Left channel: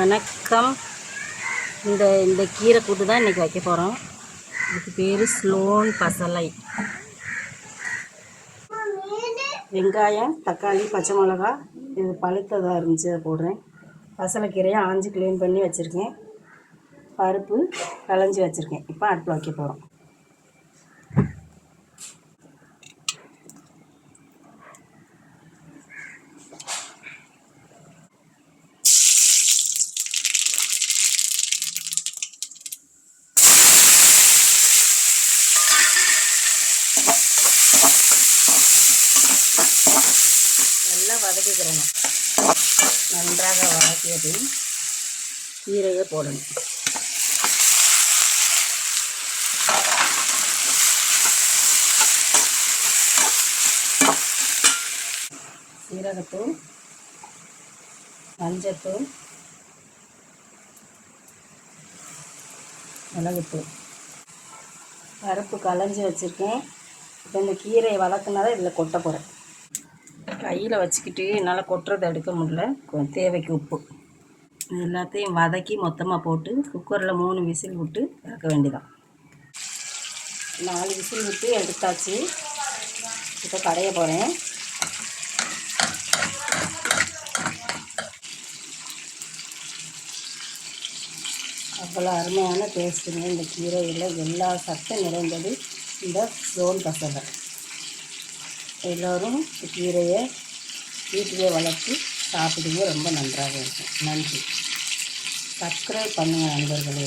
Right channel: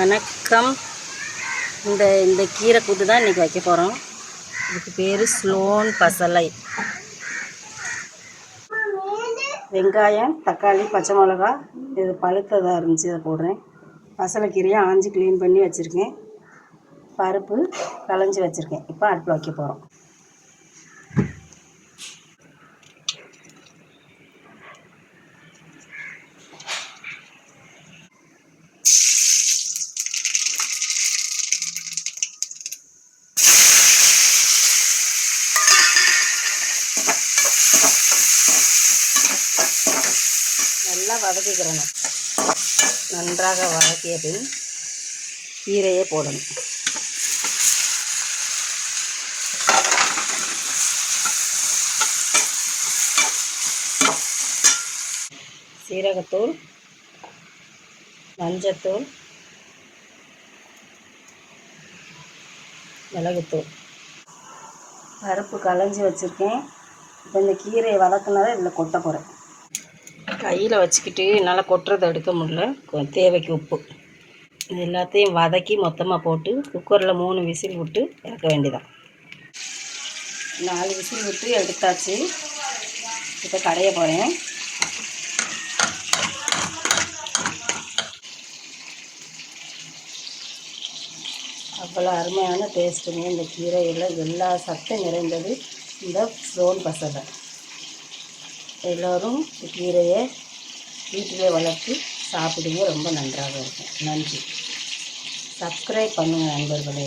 வணக்கம். இந்த கீரை கூட்டு தான் இன்றைக்கி வைக்க போகிறோம். இதுக்கு பேர் ஸ்லோன் பசலை. வெங்காயம், தக்காளி, பச்சை மிளகா, இது பழுத்ததாக இருந்துச்சு, இதை போடுறேன். பசலைக்கீரையை ஆஞ்சி க்ளீன் பண்ணி வச்சுருக்கேன். பருப்பு களைஞ்சி வச்சுருக்கேன். இப்போ அடுப்பில் வைக்க போகிறோம். நல்லா வதக்கிக்கிறணும். நன்றாக வதக்கிய பின் கீரையை போடணும். சீரகத்தூள், மஞ்சத்தூள், மிளகுத்தூள், பருப்பு களைஞ்சி வச்சுருக்கேன். இப்போ இந்த கீரையை வதக்குனதை இதில் கொட்ட போகிறேன். கையில் வச்சுக்கிட்டு என்னால் கொட்டுறதை எடுக்க முடியல. தேவைக்கு உப்பு, இது எல்லாத்தையும் வதக்கி மொத்தமாக போட்டு குக்கரில் 3 விசில் விட்டு இறக்க வேண்டியதான். 4 விசில் விட்டு எடுத்தாச்சு. இப்போ கடைய போகிறேன். அவ்வளோ அருமையான டேஸ்ட்டுங்க. இந்த கீரையில் எல்லா சத்தும் நிறைந்தது இந்த ஸ்லோன் பசலை. எல்லோரும் கீரையை வீட்டிலே வளர்த்து சாப்பிடுங்க. ரொம்ப நன்றாக இருக்கும். நன்றி. சப்ஸ்கிரைப் பண்ணுங்கள் நண்பர்களே.